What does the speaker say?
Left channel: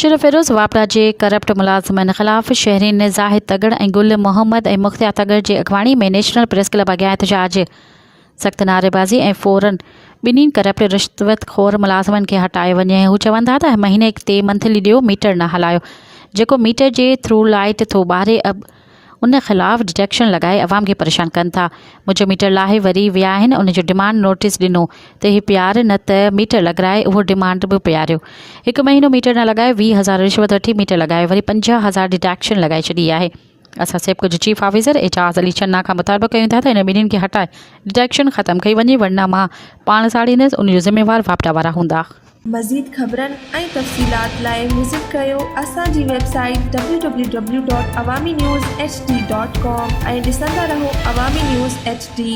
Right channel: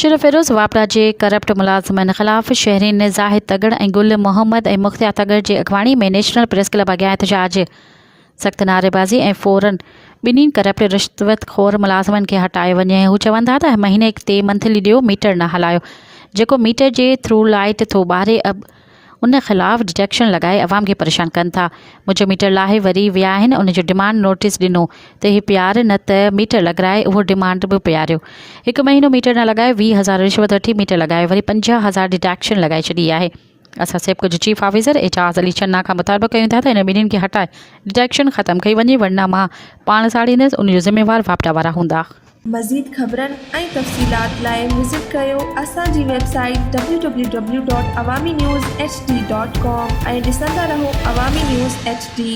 मुनशिर फिरोज़ वापड़ा जे करप्ट मुलाज़िमनि ख़िलाफ़ शहरीन ज़ाहिद तगड़ ऐं गुल मोहम्मद ऐं मुख्तियार तगड़ जे अॻवाणी में नेशनल प्रेस क्लब अॻियां एहतजाज। सख़्त नारेबाज़ी ऐं फ़ौरन ॿिन्हिनि करप्ट रिश्वतखोर मुलाज़िमनि खे हटाए वञे। हू चवनि था त महीने ते मंथली ॾियो मीटर न हलायो, जेको मीटर जे थ्रू लाइट थो ॿारे उन ख़िलाफ़ डिटेक्शन लॻाए अवाम खे परेशान कनि था। मुंहिंजो मीटर लाहे वरी विया आहिनि, उनजो डिमांड नोटिस ॾिनो त ही प्यार न त मीटर लॻाए, उहो डिमांड बि पियारियो। 1 महीनो मीटर न लॻाए 20,000 रिश्वत वठी मीटर लॻाए वरी 50,000 डिटेक्शन लॻाए छॾी आहे। असां सेबको जो चीफ ऑफिसर एजाज़ अली चन्ना खां मुतालबो कयूं था त इन ॿिन्हिनि खे हटाए डिटेक्शन ख़त्म कई वञे, वरना मां पाण साड़ींदसि, उनजो ज़िम्मेवार वापटा वारा हूंदा। मज़ीद ख़बरनि ऐं तफ़सीलात लाइ विज़िट कयो असांजी वेबसाइट www.awamiNewsHD.com ऐं ॾिसंदा रहो अवामी न्यूज़ HD।